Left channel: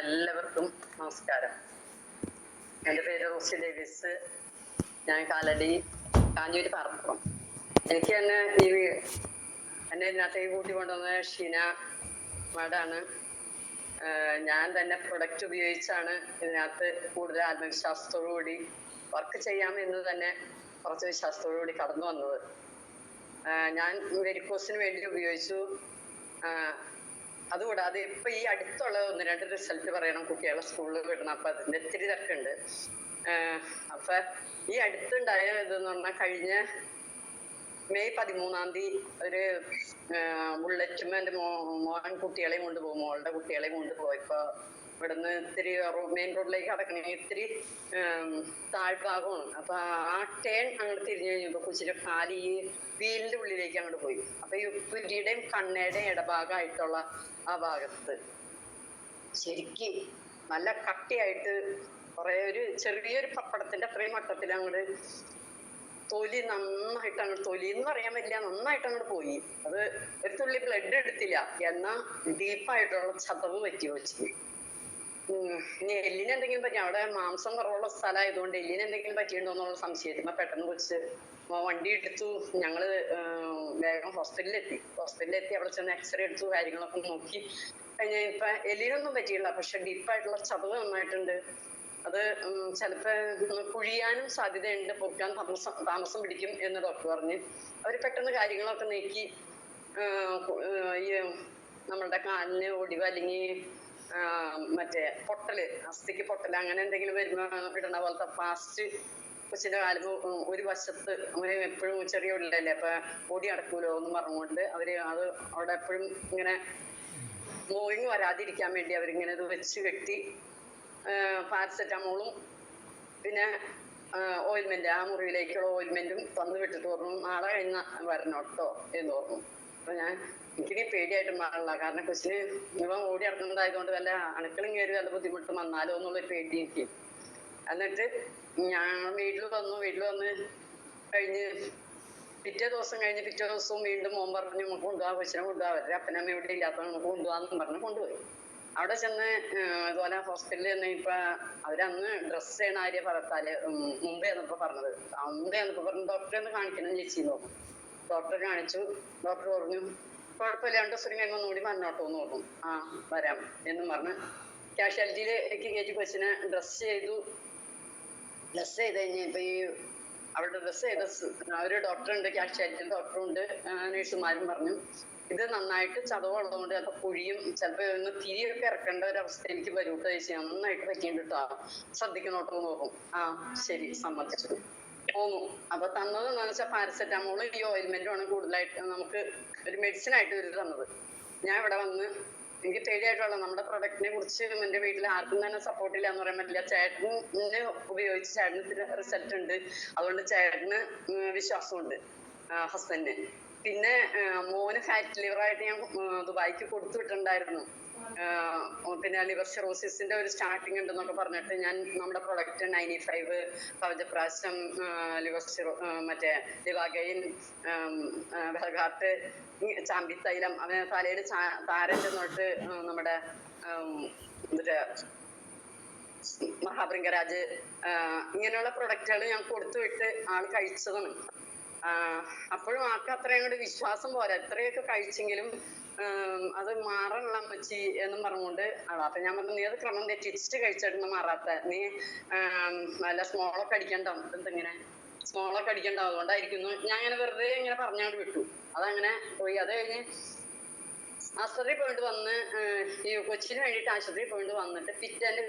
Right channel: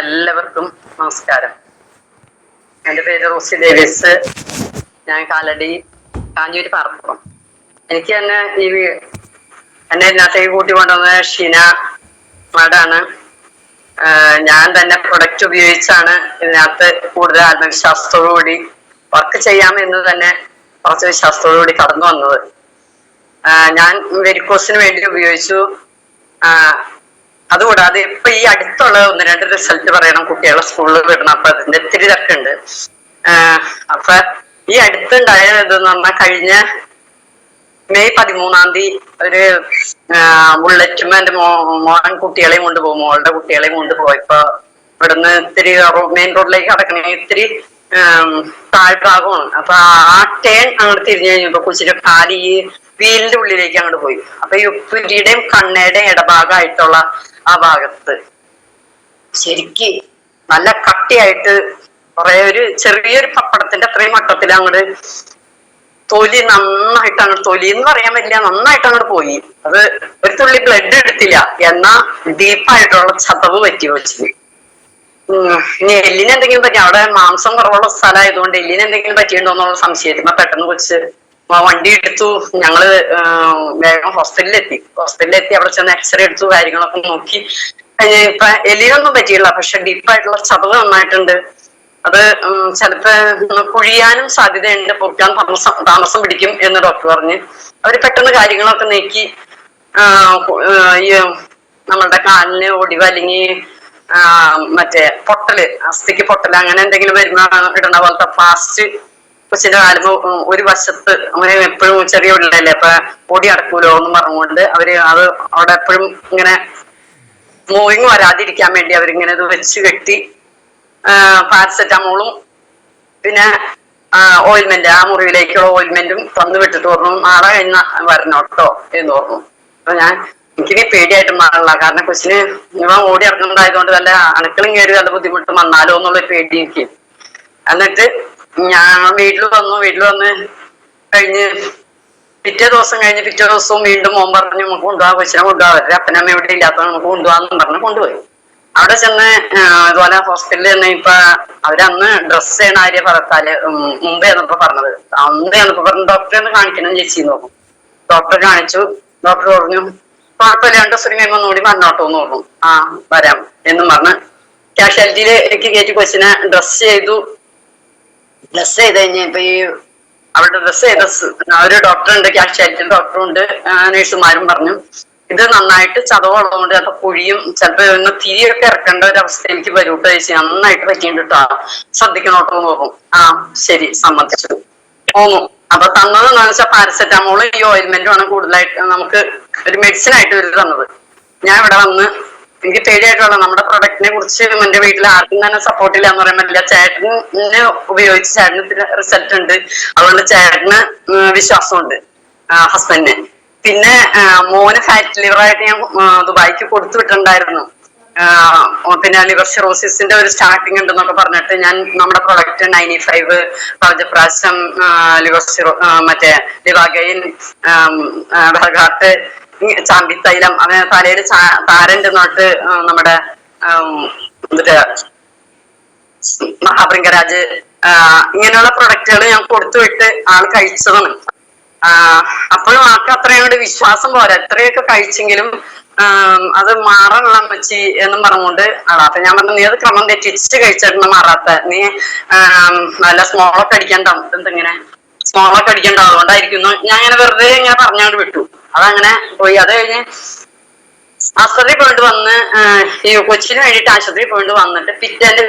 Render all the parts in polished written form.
എല്ലാവർക്കും നമസ്കാരം. എൻ്റെ പേര് റോസി ഡേവിസ്. ഞാൻ കാലടി കാഞ്ഞൂര് പാറപ്പുറം. എനിക്ക് തന്നെ എന്നെ ഇതിനകത്തേക്ക് കൂട്ടി കൊണ്ടുവന്ന ഷീന മാഡാണ്. ഞാൻ തന്നെ പ്രൊഡക്റ്റ് ഉപയോഗിച്ചാണ് ഇതിനകത്ത് കൂടുതൽ ആത്മവിശ്വാസത്തോടുകൂടി വർക്ക് ചെയ്യാമെന്ന് തന്നെ കുറച്ച് വിശ്വാസത്തോടുകൂടി കടന്നു വന്നത്. ഞാൻ വെരിക്കോസിന് വേണ്ടി ഉപയോഗിച്ചു. അതുകൂടാതെ ഇപ്പൊ ഈ അടുത്തുള്ള 1-2 റിസൾട്ട് പറയണം, കുട്ടികളെ സ്കൂളിൽ വിടണം. അപ്പൊ അതിന്റെ ഇത്തിരി തിരക്കുണ്ട്. അപ്പൊ ഈ അടുത്തുണ്ടായ ഇതെന്ന് പറഞ്ഞാൽ കഴിഞ്ഞ മെയ് 13-ാം തീയതി ഒരു ബുള്ളറ്റും എന്റെ മോൻ കുട്ടികളെയും കൊണ്ടുപോകും, മോളുടെ കുട്ടികളെയും കൊണ്ടുപോയപ്പോ ഇവിടുന്ന് ഇത്തിരി മെയിൻ റോഡിലേക്ക് കടക്കണേ ഇത്തിരി താഴ്ഭാഗമാണ്. അപ്പൊ ആ ടേൺ അങ്ങോട്ട് തിരിഞ്ഞു കഴിഞ്ഞപ്പോ കൊച്ചിന്റെ കാല് ഈ വീലിന്റെ ഉള്ളിലേക്ക് അങ്ങോട്ട് പോയി. അപ്പൊ ഈ ഉപ്പിരിയുടെയും കണ്ണയുടെയും ഇടഭാഗമായിട്ടുള്ള ആ ഭാഗത്ത് ശരിക്ക് നല്ല കട്ടിയായിട്ട് ഒരു ചെറിയൊരു പപ്പടത്തിന്റെ അത്രയും മട്ടത്തിൽ അങ്ങോട്ട് തൊലി നന്നായിട്ട് അങ്ങോട്ട്, തൊലി എന്ന് പറയാൻ പറ്റില്ല, നന്നായിട്ട് അങ്ങോട്ട് പോയി. അത് ഒരു തുള്ളി ബ്ലഡ് എടുത്തില്ല, എന്നാ ഡീപ്പായിട്ടുള്ള ചതവ് പറ്റി വെച്ചിട്ട്. ഇനി എല്ലിന് എന്തെങ്കിലും പറ്റി, അവിടെ മാംസം കുറവുള്ള സ്ഥലമായതുകൊണ്ട് എല്ലിന് എന്തെങ്കിലും പറ്റിയിട്ടുണ്ടോ എന്നുള്ള സംശയത്തിന് പെട്ടെന്ന് കൊച്ച് വണ്ടി എടുത്തു. ഞങ്ങള് വേഗം ഹോസ്പിറ്റലിലെത്തി അവിടെ ചെന്ന് എക്സ്റേ എടുത്തു, കാര്യങ്ങളൊക്കെ നോക്കി. ഇപ്പൊ എല്ലിനൊന്നും പറ്റിയില്ല, പക്ഷെ ഡീപ്പായിട്ടുള്ള ചതവ് നന്നായിട്ടുണ്ട്. അത് ചിലപ്പോ കുഴിയാനും സാധ്യതയുണ്ട്, പൊക്കാൻ താമസം പിടിക്കും എന്ന് ഡോക്ടർ പറഞ്ഞ്. അവര് പെട്ടെന്ന് കാര്യങ്ങളൊക്കെ നീക്കി ഈ നമ്മളുടെ കാലിന് ഒടിവ് അല്ലെങ്കിൽ മറ്റേ പൊട്ടല്, അസ്ഥിക്ക് പൊട്ടല് അങ്ങനെ എന്തെങ്കിലും വരുന്ന ഇടണ പോലത്തെ പ്ലാസ്റ്റ് കൊച്ചിന്റെ കാലുമ്പോ ഒരു വശത്ത് അങ്ങനെ എപ്പോഴും ചെറിയ ഉള്ളല്ലേ, അപ്പൊ പൊടി അടക്കൂലോ എന്ന് പറഞ്ഞുകൊണ്ട് അവര് അത് അവിടെ എപ്പോഴും ഇങ്ങനെ മൂവിങ് വരാതിരിക്കാൻ വേണ്ടി അവരിങ്ങനെ ഇത് വെച്ച് കെട്ടി പാരസെറ്റാമോളും പിന്നെ ഓയിൽമെന്റ്, ആ മുറിവിലേക്കുള്ള ഓയിൽമെന്റും തന്നു വിട്ടിട്ട് പറഞ്ഞു നാളെ കഴിഞ്ഞ വരണോട്ടോ എന്ന് പറഞ്ഞു. അപ്പൊ എനിക്കിനി പേടിയായിട്ട് മാറില്ല, കാരണം കൊച്ചിന് ഇവ ഓടി ഇറങ്ങുന്നതായതുകൊണ്ട് വല്ല അണുക്കളും കയറി വല്ല ബുദ്ധിമുട്ട് വന്നാലോ എന്നുള്ളൊരു പേടി എനിക്ക്. എന്നിട്ട് ഞാൻ വീട്ടിൽ വന്ന് കഴിഞ്ഞ് പിറ്റേ ദിവസവും വീണ്ടും മോൻ പറഞ്ഞു നമുക്ക് കൊണ്ടുപോകാം, കൊച്ചിനെ കൊണ്ടുപോകാം, അവരുടെ അപ്പനമ്മ ഇവിടെ ഇല്ലാത്തത് നമുക്ക് കൊണ്ടുപോകാന്ന് പറഞ്ഞ് കൊണ്ടുപോയി. അവിടെ ചെന്ന് ഇതുപോലെ ഹോസ്പിറ്റലിൽ ചെന്ന് ഇപ്പൊ അവരന്ന് ഡ്രസ് ചെയ്യണ ആര്യ പറത്താല് മുമ്പേ എന്നപ്പോ പറഞ്ഞത്, പറഞ്ഞു ഡോക്ടറെ ഒന്ന് കാണിക്കണം ചേച്ചി നോക്കും. ഡോക്ടറെ കാണിച്ചു. ഡോക്ടർ പറഞ്ഞു കുഴപ്പമില്ല, 2 ദിവസം കഴിയുമ്പോൾ ഒന്നുകൂടി വന്നോട്ടോ എന്ന് പറഞ്ഞു. വരാം എന്നും പറഞ്ഞ് കാഷ്വാലിറ്റിയിലേക്ക് കയറ്റി കൊച്ചിനെ ഡ്രസ് ചെയ്തു. ഡ്രസ് ചെയ്ത് കഴിഞ്ഞപ്പോ ഈ അവിടെ ഡ്രസ് ചെയ്ത ഒരു ഡോക്ടറുണ്ട്, കാഷ്വാലിറ്റി ഡോക്ടറുണ്ട്, നഴ്സുമാരും പറഞ്ഞു ഇത് നന്നായിട്ട് ചതവുള്ളതുകൊണ്ട് ചിലപ്പോ കുഴിയും ചിലപ്പോ ഒന്ന് തിരിയൊക്കെ ഇറക്കേണ്ട ഒരു അവസ്ഥയിലേക്ക് വരൂട്ടോ ചേച്ചി, നന്നായിട്ട് പറ്റിയിട്ടാ, ശ്രദ്ധിക്കണോട്ടോ എന്ന് പറഞ്ഞു. ശരി സമ്മതിച്ചു പോന്നു. അപ്പൊ തന്നത് എന്താണെന്ന് വെച്ചാൽ പാരസെറ്റാമോള് ഈ ഓയിൽമെന്റും ആണ് കൂടുതലായിട്ട് നമുക്ക് ഒരു മെഡിസിൻ ആയിട്ട് ഇവര് തന്നത്. ഞാൻ ഇവിടെ വന്ന് എനിക്ക് പേടിയായിട്ടുള്ള നമ്മുടെ പ്രൊഡക്റ്റിനെ കുറിച്ച് എന്റെ വീട്ടിൽ ആർക്കും തന്നെ സപ്പോർട്ടില്ല എന്ന് പറയാൻ പറ്റില്ല. ചേട്ടന് ഉപയോഗിച്ച് ചേട്ടന് റിസൾട്ട് ഉണ്ട്, അതുകൊണ്ട് ചേട്ടന് വിശ്വാസമുണ്ട് ഹസ്ബൻഡിന്. പിന്നെ മോന് ഫാറ്റ് ലിവർ ആയിട്ട് ഞാൻ ദുബായിക്ക് കൊടുത്തു വിട്ടിട്ടുണ്ടായിരുന്നു. പിന്നെ ലിവർ സിറോസിന്റെ ഒരു സ്റ്റാർട്ടിങ് ഉണ്ടെന്നൊക്കെ പറഞ്ഞിട്ട് ഞാൻ നമ്മുടെ പ്രൊഡക്റ്റ് 95 കവചപ്രാശം ലിവർ മറ്റേ ലിവാഗൈൻ ബർഗാട്ട് ചാമ്പിത്തൈലം അങ്ങനെ തലയിൽ താരന്റെ നോട്ട് നമ്മുടെ മഹാഭൃംഗരാജ് ഇങ്ങനെയുള്ള പ്രൊഡക്റ്റുകൾ ഞാൻ കൊടുത്തു വിട്ട് ആൾ കഴിച്ചതാണ്. അപ്പോഴും ആൾക്ക് അത്രയും കൂടി വിശ്വാസം പോരാ, എത്രയൊക്കെ കഴിച്ചെങ്കിലും അത് മാറണം അമ്മച്ചി എന്നും പറഞ്ഞുകൊണ്ട് അപ്പൊ ഞാൻ പറഞ്ഞു നീ അത് ക്രമം തെറ്റിച്ച് കഴിച്ചിട്ട് മാറാത്ത, നീ നല്ല സ്മോളൊക്കെ അടിക്കണ്ട, എന്തെങ്ങനെ സ്മോളൊക്കെ അടിക്കണ്ട, അതുകൊണ്ടായിരിക്കുന്നു. ഞാൻ ഇങ്ങനെ വെറുതെ ഇങ്ങനെ പറഞ്ഞോണ്ട് വിട്ടു. അതങ്ങനെ പോയി. അത് കഴിഞ്ഞ് ആശുപത്രി പോയിട്ട് വന്ന് ഈ കൊച്ചിന് വേണ്ടിയിട്ട് ആശുപത്രി പോയിട്ട് വന്നിട്ട് പിറ്റേന്റെ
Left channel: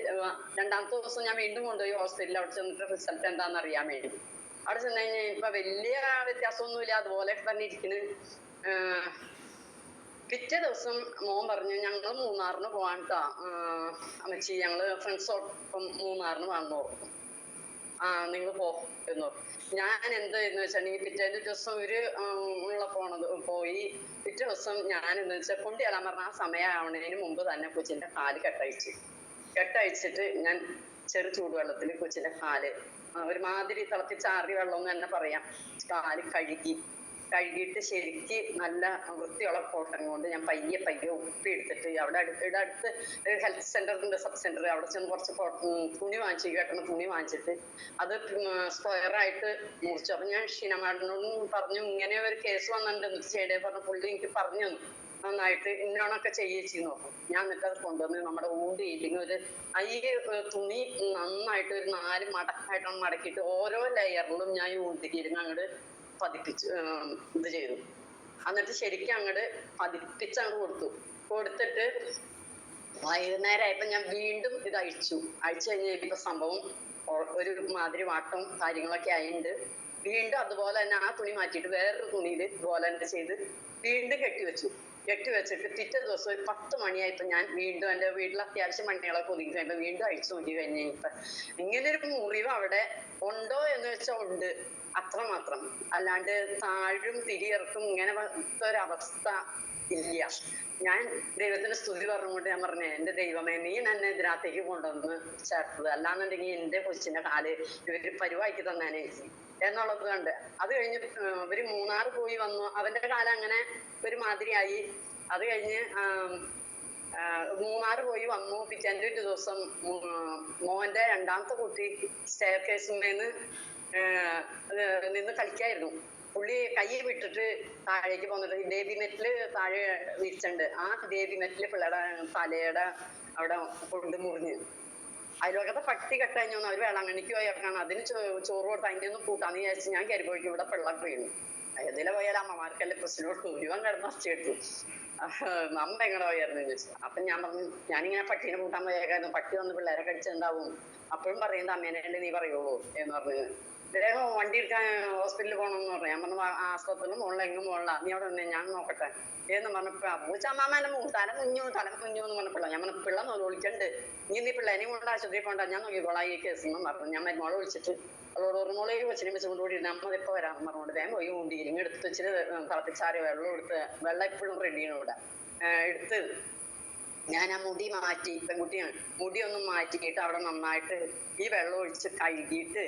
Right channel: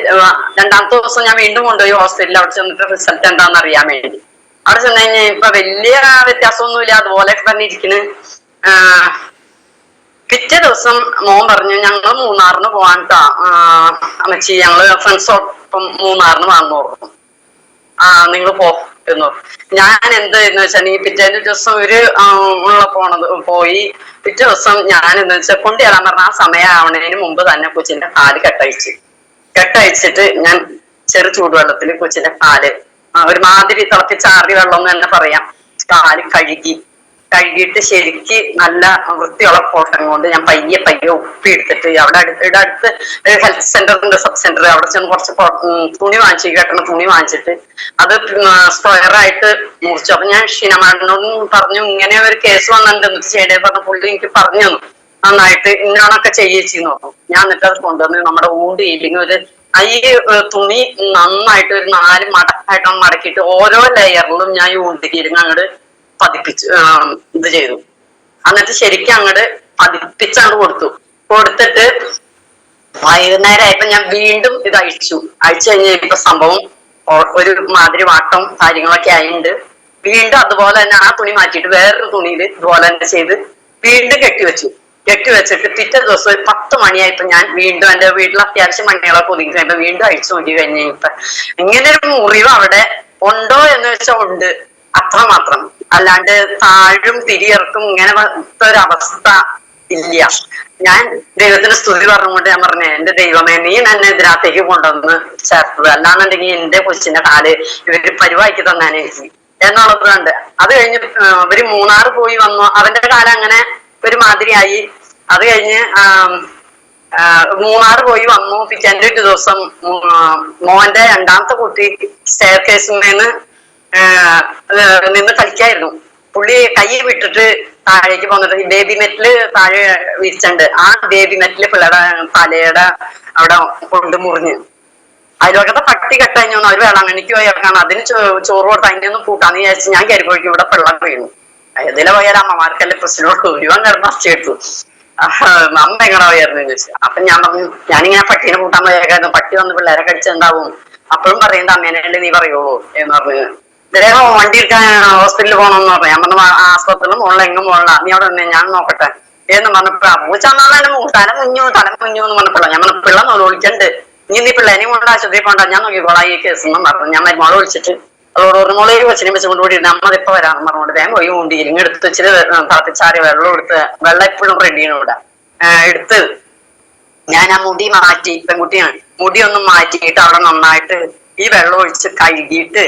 2ാമത്തെ ദിവസം ഞാൻ വീണ്ടും കൊണ്ടുപോയി ഹോസ്പിറ്റലിൽ. അവിടെ ചെന്നിട്ട് റിസൾട്ട് എന്താണെന്ന് അറിയാൻ വേണ്ടി. അവിടെ ചെന്ന് കഴിഞ്ഞാൽ ഇപ്പൊ വലിയ വ്യത്യാസമൊന്നുമില്ല, അതുപോലെയൊക്കെ തന്നെ ഇരിക്കണ്. പിറ്റേ ദിവസം മോൻ പറഞ്ഞു ഞങ്ങള് മൂന്നാറിന് പോവാൻട്ടാ അമ്മച്ചി, ഞങ്ങള് ഫ്രണ്ട്സോടൊപ്പം മൂന്നാറിന് വന്നു പറഞ്ഞു. നിങ്ങൾ പോ എന്ന്. ഞാൻ എന്താന്ന് വെച്ചാൽ ഈ പിറ്റേന്റെ ദിവസം പോയി. പിറ്റേ ദിവസം ഞാൻ എന്താ വെച്ചാൽ കൊണ്ടുവരാൻ പറഞ്ഞ ആ സമയമാവണതിന് മുമ്പ് തന്നെ കൊച്ചിന്റെ കാല് കെട്ടയച്ചിട്ട് ഞാൻ ചെറു ചൂടുവെള്ളത്തിൽ കൊച്ചിന്റെ കാല് ഒരുമാതിരി തിളപ്പിച്ചാറിയ വെള്ളം എന്ന് തന്നെ പറയാം, കാല് കഴുകിയിട്ട് ശരിക്ക് നല്ല വൃത്തിയുള്ള കോട്ടൺ കൊണ്ട് ഞാൻ പയ്യെ പയ്യെ ഉപ്പി എടുത്തിട്ട് അവിടെ അടുത്ത് ഹെൽത്ത് സെന്റർ ഉണ്ട്, സബ് സെന്റർ, അവിടെ ചെന്ന് കുറച്ച് തുണി വാങ്ങിച്ചു, കെട്ടണ തുണി വാങ്ങിച്ചിട്ട് അത് സ്ക്വയറായിട്ട് മുറിച്ചു. അപ്പൊ ഞാൻ ഷീനമാടിനോടും പറഞ്ഞു ഇങ്ങനെ ഒരു കേസ് വന്നിട്ടുണ്ട്, എന്നിട്ട് ചെയ്യണേ പറഞ്ഞ പുള്ളി എനിക്ക് പറഞ്ഞു തന്നു നന്നായിട്ട് ഇന്നാണൊക്കെ ചെയ്യിച്ചെന്ന് പറഞ്ഞു. ഞാൻ എന്നിട്ട് അത് കൊണ്ടുവന്ന് നമ്മുടെ ഊണ്ട് ഇല്ലെങ്കിൽ ഒരു ഈ തുണി നന്നായിട്ട് ഒരു 4 മടക്കായിട്ടാണ് മടക്കിയിട്ട് ഓരോ ലെയറിലും ഞാൻ ഈ ഊണ്ടിക്കിരുന്ന് അങ്ങോട്ട് പതിപ്പിച്ച് ഇത് ചെയ്തു. എന്നിട്ട് ശരിക്കും അങ്ങോട്ട് പതിപ്പിച്ചങ്ങോട്ട് കൊടുത്തിട്ട് വൈകുന്നേരമായപ്പോ ഞാൻ വീണ്ടും ഇത് അഴിച്ചു കഴിഞ്ഞപ്പോ സംഭവം ഒരു മാതിരി വാട്ടം കാര്യങ്ങളൊക്കെ ആയിട്ടുണ്ട്. വീണ്ടും അതുപോലെ തന്നെ ആ തുണി മാറ്റിയിട്ട് വേറൊരു തുണിയിൽ ഇതുപോലെ തന്നെ ചെയ്ത് വീണ്ടും കെട്ടിവെച്ചിട്ട് പിറ്റേ ദിവസം ഒരു 10 മണിയായപ്പോ ഞാൻ വീണ്ടും എന്റെ വീട്ടിൽ അത്യാവശ്യം മണികളൊക്കെ ഒതുങ്ങി കഴിയുമ്പോ വീണ്ടും അഴിച്ചു നോക്കി കഴിഞ്ഞപ്പോ ഇങ്ങനെ ഒരു മുറിവ് അവിടെ ഉണ്ടോ എന്ന് വെച്ചാൽ ഉണ്ട്, അത്രമാത്രം. അല്ലാണ്ട് താഴും തിരിയിറക്കും ഇങ്ങനെ ഒരവസ്ഥ ഇല്ല. ഞാൻ ദൈവത്തിന് സ്തുതി പറഞ്ഞുകൊണ്ട് ഞാൻ പറഞ്ഞേ, എന്റെ ദൈവമേ നീ എന്നെ ഇതിനകത്തേക്ക് കൊണ്ടുവന്ന് ചേർത്തത്, അല്ലാന്നുണ്ടെങ്കിൽ എന്റെ കൊച്ചിന്റെ കാല് ഇവര് പരിവാക്കി തന്നാനേ എന്നുള്ളതുണ്ട്. അത് കഴിഞ്ഞ് ഇവര് മൂന്നാർ പോയി വന്നു, അവന്റെ കാലം അങ്ങനെ ഒരു മാതിരിയായി. അത് കഴിഞ്ഞ് മൂന്നാർ പോയി വന്നു. പിറ്റേന്റെ ഒരു ദിവസം മോന്റെ 2ാമത്തെ കുട്ടി സ്റ്റെയർ കേസിൽ നിന്ന് കളിക്കായിരുന്നു. പുള്ളി കൈ വിട്ടിട്ട് താഴേക്ക് പോന്നിട്ട് ബേബി മെറ്റില് താഴെ വിരിച്ചുണ്ട്. ആ ബേബി മെറ്റില് പിള്ളേരുടെ തലയുടെ അവിടെ കൊണ്ട് മുറിഞ്ഞ് അതിലൊക്കെ പട്ടി കെട്ടഞ്ഞു. അവർ വേളാങ്കണ്ണിക്ക് പോയി ഇറക്കാണ്, അതിന് ചോറ് കൊടുത്ത് അതിന്റെ ഒന്നും കൂട്ടാന്ന് വിചാരിച്ച് ഞാൻ കയറിപ്പോയിക്കും ഇവിടെ പിള്ളേർ വീണു. ഇതിലെ പോയാൽ അമ്മമാർക്കല്ലേ പ്രശ്നമോട് ഒരുവൻ കിടന്ന് അച്ചെടുത്തു. അമ്മ എങ്ങനെ പോയായിരുന്നു ചോദിച്ചു. അപ്പൊ ഞാൻ പറഞ്ഞു ഞാനിങ്ങനെ പട്ടീനെ കൂട്ടാൻ പോയേക്കായിരുന്നു, പട്ടി വന്ന് പിള്ളേരെ കടിച്ചിട്ടുണ്ടാവും. അപ്പോഴും പറയുന്നത് അമ്മേനല്ലേ നീ പറയുള്ളൂ എന്ന് പറഞ്ഞു. ഇദ്ദേഹം വണ്ടി എടുക്കാൻ ഹോസ്പിറ്റലിൽ പോകണമെന്ന് പറഞ്ഞു. ഞാൻ പറഞ്ഞു ആസ്പത്രിയിൽ മുകളിൽ എങ്ങും പോകണ്ട, നീ അവിടെ തന്നെ ഞാൻ നോക്കട്ടെ എന്ന് പറഞ്ഞപ്പോ പൂച്ചന്നാലും തല മുഞ്ഞു എന്ന് പറഞ്ഞപ്പോഴാണ് ഞാൻ പറഞ്ഞു പിള്ള വിളിക്കണ്ട്, നീ പിള്ളേനെയും കൊണ്ട് ആശുപത്രിയിൽ പോകണ്ട, ഞാൻ നോക്കിക്കോളാം ഈ കേസ് എന്നും പറഞ്ഞു. ഞാൻ മരുമോളെ വിളിച്ചിട്ട് അതോട് ഒരു മോളെ കൊച്ചിനെ വെച്ചുകൊണ്ട് കൂടി നമ്മളിപ്പോ വരാന്ന് പറഞ്ഞുകൊണ്ട് വേഗം പോയി ഊണ്ടിയില്ലെങ്കിൽ എടുത്ത് വെച്ചിട്ട് തിളപ്പിച്ചാറി വെള്ളം എടുത്ത് വെള്ളം എപ്പോഴും റെഡിയാണ് ഇവിടെ എടുത്ത് ഞാൻ ആ മുടി മാറ്റി, പെൺകുട്ടിയാണ്, മുടി ഒന്ന് മാറ്റിയിട്ട് അവിടെ നന്നായിട്ട് ഈ വെള്ളം ഒഴിച്ച് കഴുകിയിട്ട്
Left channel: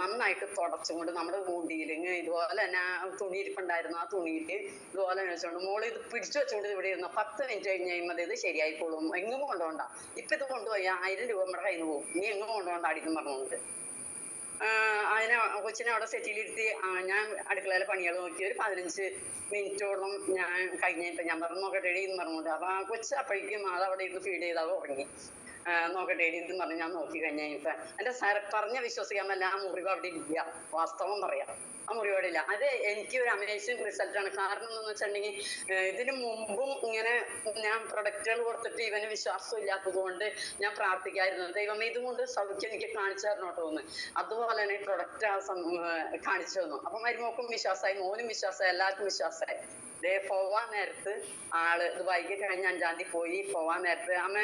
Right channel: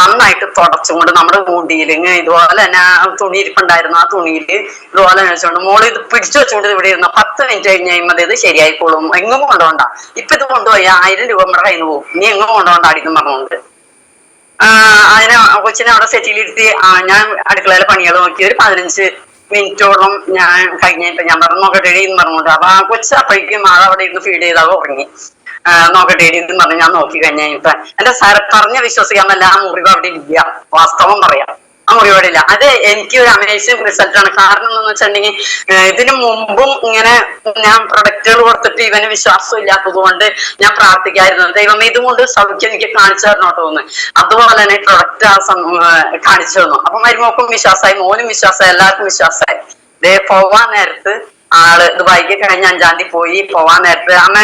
നന്നായിട്ട് തുടച്ചുകൊണ്ട് നമ്മുടെ ഊണ്ടിയിലിങ് ഇതുപോലെ തന്നെ തുണി ഇരിപ്പുണ്ടായിരുന്നു, ആ തുണിയിൽ ഇതുപോലെ വെച്ചുകൊണ്ട് മോള് ഇത് പിടിച്ചു വെച്ചുകൊണ്ട് ഇവിടെ ഇരുന്ന 10 മിനിറ്റ് കഴിഞ്ഞ് കഴിയുമ്പോൾ ഇത് ശരിയായിക്കോളും, എങ്ങും കൊണ്ടുപോകണ്ട, ഇപ്പൊ ഇത് കൊണ്ടുപോയി 1000 രൂപ നമ്മുടെ കയ്യിൽ നിന്ന് പോകും, നീ എങ്ങും കൊണ്ടുപോകണ്ട അടിക്കും പറഞ്ഞുകൊണ്ട് അതിനെ കൊച്ചിനെ അവിടെ സെറ്റിലിരുത്തി ഞാൻ അടുക്കളയിലെ പണികൾ നോക്കി ഒരു 15 മിനിറ്റോളം ഞാൻ കഴിഞ്ഞിട്ട് ഞാൻ പറഞ്ഞു നോക്കട്ടെ എന്ന് പറഞ്ഞുകൊണ്ട്. അപ്പൊ ആ കൊച്ച് അപ്പോഴേക്കും ആൾ അവിടെ ഇരുന്ന് ഫീഡ് ചെയ്താൽ ഉറങ്ങി. നോക്കട്ടെ എന്ന് പറഞ്ഞ് ഞാൻ നോക്കി കഴിഞ്ഞപ്പോ എന്റെ സാർ പറഞ്ഞ വിശ്വസിക്കാൻ പറ്റില്ല, ആ മുറിവ് അവിടെ ഇല്ല, വാസ്തവം പറയാം, ആ മുറിവ് അവിടെ ഇല്ല. അത് എനിക്ക് ഒരു അമേസിംഗ് റിസൾട്ടാണ്. കാരണം എന്താന്ന് വെച്ചിട്ടുണ്ടെങ്കിൽ ഇതിനു മുമ്പും ഇങ്ങനെ ഞാൻ പ്രൊഡക്റ്റുകൾ കൊടുത്തിട്ട് ഇവന് വിശ്വാസം ഇല്ലാത്തത് കൊണ്ട് ഞാൻ പ്രാർത്ഥിക്കായിരുന്നു, ദൈവമേ ഇതുകൊണ്ട് സൗഖ്യം എനിക്ക് കാണിച്ചു തരണോട്ടോ തോന്നുന്നു. അതുപോലെ തന്നെ പ്രൊഡക്റ്റ് കാണിച്ചു തന്നു. അപ്പൊ മരുമോക്കും വിശ്വാസമായി, മോനും വിശ്വാസമായി, എല്ലാവർക്കും വിശ്വാസമായി. പോവാൻ നേരത്ത് ആള് ദുബായിക്ക് കഴിഞ്ഞ 5-ാം തീയതി പോയി. പോവാൻ നേരത്ത് അമ്മ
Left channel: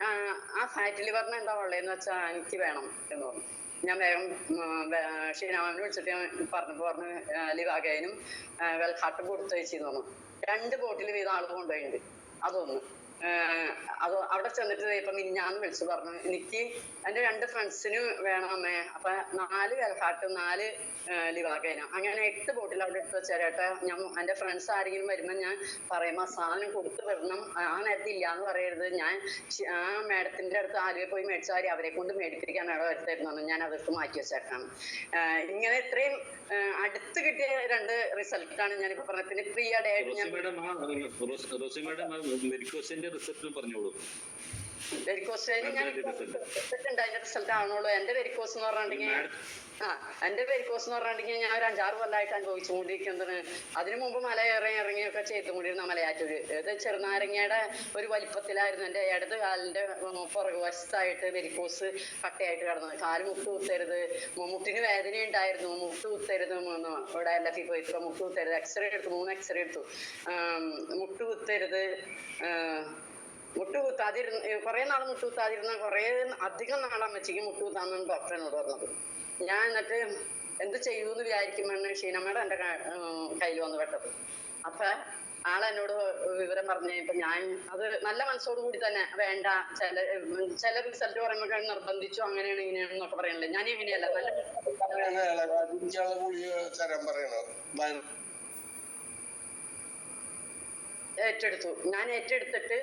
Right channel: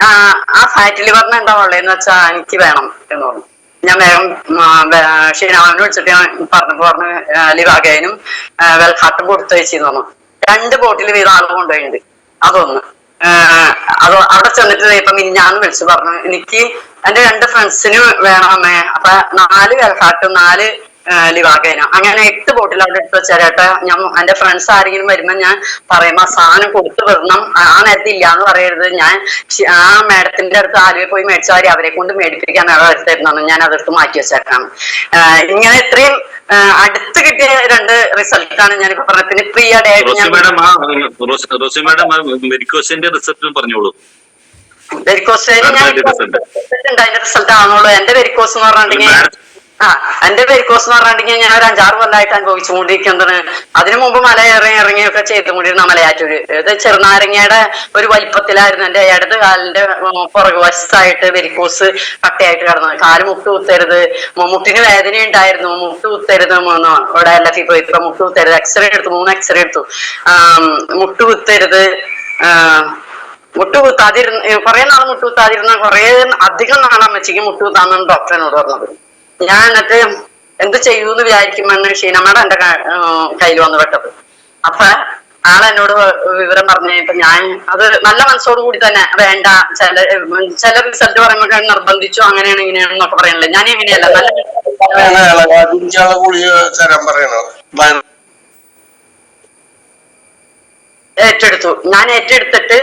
ആ ഫാറ്റ് ലിവറിന് എന്താ ഉള്ളതെന്ന് വെച്ചാ എനിക്ക് വേണം എന്ന് പറഞ്ഞു. ഞാൻ വേഗം ഷീനാവിനെ വിളിച്ചിട്ട് പറഞ്ഞു ലിവാഗനും വെൽഹാർട്ടും കൊടുത്തു വെച്ചെന്ന് പറഞ്ഞു. 2 ബോട്ടിൽ വീതം ആൾ കൊണ്ടുപോയിട്ടുണ്ട്. അതൊന്ന് അത് അവിടെ ചെന്നിട്ട് ഇപ്പൊ ഞാൻ വിളിച്ചു പറഞ്ഞു എനിക്ക് എന്റെ 2 ഫ്രണ്ട്സിന് വേണം അമ്മേ. അപ്പൊ 4 വെൽഹാർട്ടും 4 ലിവാഗനും അങ്ങനെ 8 ബോട്ടിൽ അവിടെ എടുത്ത് വെച്ചേരട്ടെ. ഞാൻ എന്റെ ഫ്രണ്ട്സ് ആരെങ്കിലും വരുമ്പോ ഞാൻ പറയുമ്പോ സാധനം കൊടുത്തു വിടണം, ആ നേരത്തെ ഇല്ലാന്ന് പറയരുത്. ഞാൻ ആ മാഡത്തിന്റെ അടുത്ത് ആലുവയിൽ പോയി മേടിച്ചാൽ അവരെ കൊണ്ട് മേടിപ്പിക്കാൻ വരുത്തായിരുന്നു, ഞാൻ അതെടുത്ത് മാറ്റി വെച്ചേക്കാം. ഇങ്ങനെ ഇത്രയും അടുത്ത് കിട്ടിയ 2 റിസൾട്ടാണ് ഞാനിപ്പോ പറഞ്ഞത്. പിന്നെ പ്രീ ആയിട്ട് ഞാൻ അതിന്റെ റിസൾട്ട് ആണുള്ളൂ. എന്റെ വെരിക്കോസ് എന്ന് പറഞ്ഞിട്ടുണ്ടെങ്കിൽ എന്റെ വെരിക്കോസ് എന്ന് പറഞ്ഞിട്ടുണ്ടെങ്കിൽ ഞാൻ ഒരു 5-6 കൊല്ലമായിട്ട് അനുഭവിച്ചുകൊണ്ടിരിക്കുന്നത്. അതിനു മുമ്പ് മല ഇറങ്ങിയൊക്കെ ചെയ്തുകൊണ്ടിരുന്ന മലയാറ്റൂര്. ഇത് ചെറുനാരങ്ങയുടെ ഒരു വലിപ്പത്തിലായിരുന്നു. എന്റെ ഇടത് കാലിന്റെ പുറകുവശത്തായിട്ട് വെരിക്കോസ് കട്ടയായിട്ട് കിടന്നത്. കാല് മുട്ട് കുത്തരുത്, മുട്ടിന് വേദന ഉണ്ടായിരുന്നു, മുട്ട് കുത്തരുത് ഇവിടെ എല്ലാത്തിൽ പോയി ഇപ്പൊ മുട്ട് കുത്തരുത്. എക്സ്റേ എടുത്തു, 3 എക്സ്റേ എടുത്തു. മുട്ട് കുത്തരുത്, മുട്ട് കുത്താതിരുന്ന കുറെ നാൾ മുട്ട് കുത്താതിരുന്ന കുറെ അധികം നാളെ അമ്മച്ചിക്ക് മുട്ട് കുത്താന്നാണ് ഡോക്ടർ എന്നോട് പറഞ്ഞത്. ഞാൻ എന്നിട്ട് എന്ത് ചെയ്യൂന്ന് വിചാരിക്കുമ്പോഴാണ് ഷീനമ്മയുടെ എന്റെ കയ്യിൽ വന്ന് പെട്ടത്. അപ്പൊ ആളെന്നോട് വിവരം പറഞ്ഞു കഴിഞ്ഞപ്പോ ഞാൻ അത് നല്ല മനസ്സോടു കൂടി തന്നെ വേണ്ട, ചില റിസൾട്ട് പറയുമ്പോ നിർബന്ധിച്ചു അങ്ങനെയാണ് ഇങ്ങനെയാണെന്നൊക്കെ പറയണല്ലേ. ഞാൻ എങ്ങനെയല്ല, നല്ല ഞാൻ ഏറ്റെടുത്തിട്ട്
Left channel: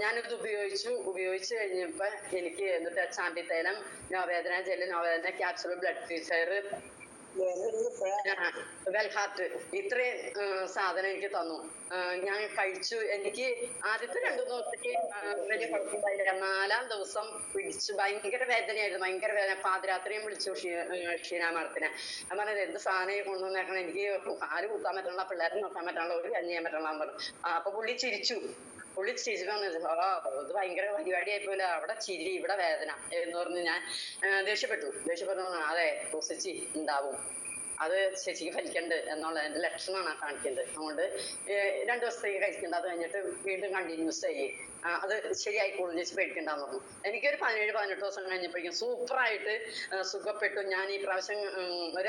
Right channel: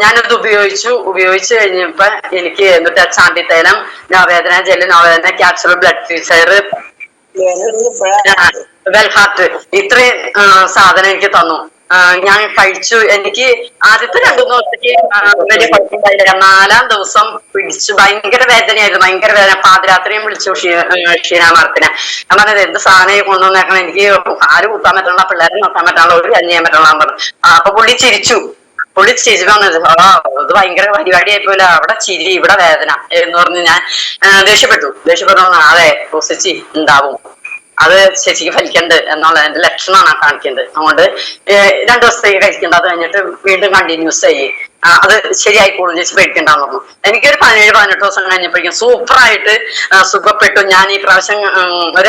ഞാനത് ഉപയോഗിച്ചു കഴിഞ്ഞപ്പോ എനിക്ക് എന്നിട്ട് ചാണ്ടി തൈലം, നവവേദന ജെല്ല്, നവവേദന ക്യാപ്സുൾ, ബ്ലഡ് ഫിൽസർ, വെൽഹാർട്ട്, ഇത്രയും സാധനം എനിക്ക് തന്നു. ഞാൻ കഴിച്ചു. എനിക്ക് ആദ്യത്തെ 2 ദിവസത്തേക്ക് വലിയ കുഴപ്പമില്ലായില്ല. 4-ാം ദിവസം പിടിച്ചു ഭയങ്കര വേദനയായിരുന്നു, ഭയങ്കര വേദന. പാതിരാത്രിയും വിളിച്ചു ഷീനാമാർത്തിനെ. ഞാൻ പറഞ്ഞത് എന്ത് സാധനം കൊണ്ടുവന്നേക്കണം, എനിക്ക് ആര് കൂട്ടാൻ പറ്റുള്ള, പിള്ളേരെ നോക്കാൻ പറ്റുള്ള, ഒരു കഞ്ഞി ചെയ്യാൻ പറ്റുള്ള പറഞ്ഞു. അപ്പൊ പുള്ളി ചിരിച്ചു പറഞ്ഞത് ഇത് ഭയങ്കര പരിപാടിയായിപ്പോല, അവിടെ ചിരി ഇവിടെ വേദന എന്ന് പറഞ്ഞ് ഞാൻ ദേഷ്യപ്പെട്ടു. അതെ പോസിച്ചി ഉണ്ടാവും, അത് ശരിക്കും ഫലിക്കണ്ട് എന്നുള്ളതിന്റെ ലക്ഷണമാണ് കാണിക്കുന്നത്. അതുകൊണ്ട് 2 ദിവസത്തേക്ക് കഴിക്കേണ്ട, അത് കഴിഞ്ഞിട്ട് വീണ്ടും കണ്ടിന്യൂസ് ചെയ്യും, അത് ശരിയായിക്കോളും, ചേച്ചി പേടിക്കണ്ടെന്ന് പറഞ്ഞു. എനിക്കൊരു 17-18 ദിവസം കഴിഞ്ഞപ്പോഴേക്കും സൂപ്പറായിട്ട് സുഖപ്പെട്ടു. ഞാൻ ഈ പ്രാവശ്യം ഒരു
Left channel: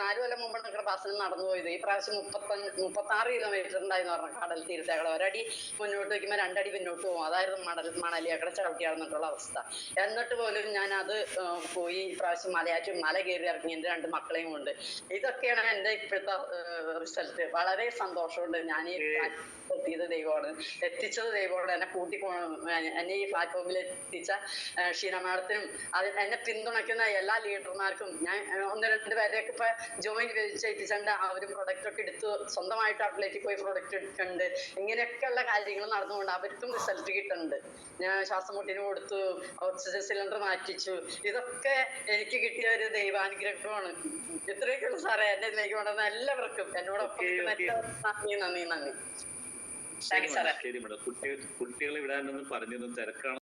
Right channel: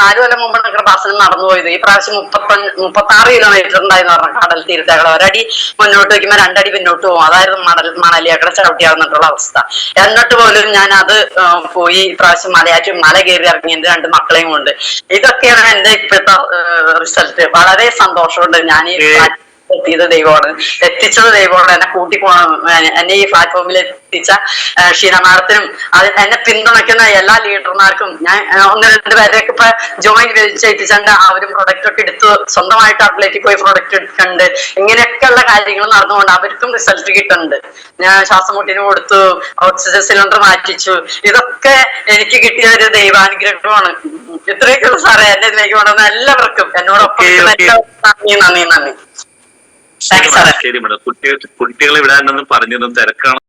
4 കൊല്ലം മുമ്പാണ് കൃപാസനം നടന്നു പോയത്. ഈ പ്രാവശ്യം 36 കിലോമീറ്റർ ഉണ്ടായിരുന്നു പറഞ്ഞു. കടൽ തീരത്തേക്കളെ ഒരടി മുന്നോട്ട് വയ്ക്കുമ്പോൾ 2 അടി പിന്നോട്ട് പോകും, അതായിരുന്നു മണലിയാക്കടെ ചവിട്ടിയാവുന്നിട്ടുള്ള അവസ്ഥ. എന്നിട്ട് പോലും ഞാൻ അത് പോയി ഈ പ്രാവശ്യം മല കയറി ഇറങ്ങി എന്റെ 2 മക്കളെയും കൊണ്ട്. ഇതൊക്കെയാണ് എന്റെ ഇപ്പോഴത്തെ റിസൾട്ട്. വളരെ സന്തോഷമുണ്ട്. ഞാൻ ഈ എത്തിയത് ദൈവമാണ്, എത്തിച്ചത് ദൈവമാണ്. എന്നെ എന്നെ ഈ പ്ലാറ്റ്ഫോമിൽ എത്തിച്ച ഷീന മാഡത്തിനും എന്നെ പിന്തുണയ്ക്കുന്ന എല്ലാ ലീഡർമാർക്കും ഞാൻ 1-2 പേരെയൊക്കെ ഇപ്പൊ ജോയിൻ ചെയ്യിപ്പിച്ചുണ്ട്. അവരും പ്രൊഡക്റ്റ് ഒക്കെ എടുത്ത് സ്വന്തമായിട്ട് ഔട്ട്ലെറ്റിൽ പോയി പ്രൊഡക്റ്റ് എടുക്കുന്നുണ്ട്. ഇങ്ങനെയൊക്കെയുള്ള കാര്യങ്ങൾ നടന്നുകൊണ്ട് അവർക്കും റിസൾട്ട് കിട്ടുന്നുണ്ട്. ഞാൻ ശ്വാസം മുട്ടിന് കൊടുത്തു, ഓക്സിജൻ സിലിണ്ടർ മാറ്റിച്ചു. ഇതൊക്കെ എനിക്ക് കിട്ടിയ ഒരു ദൈവാനുഗ്രഹമാണ്. ഇത്രയൊക്കെയുള്ള സാറേ എന്നെ ഇതിലേക്ക് കൊണ്ടുവന്ന എല്ലാവർക്കും, എന്നോടൊപ്പം നന്ദി. ശരി മേഡം, കുട്ടികളെ വിടാനൊന്നും പറഞ്ഞിരുന്നു, തിരക്കാണ്.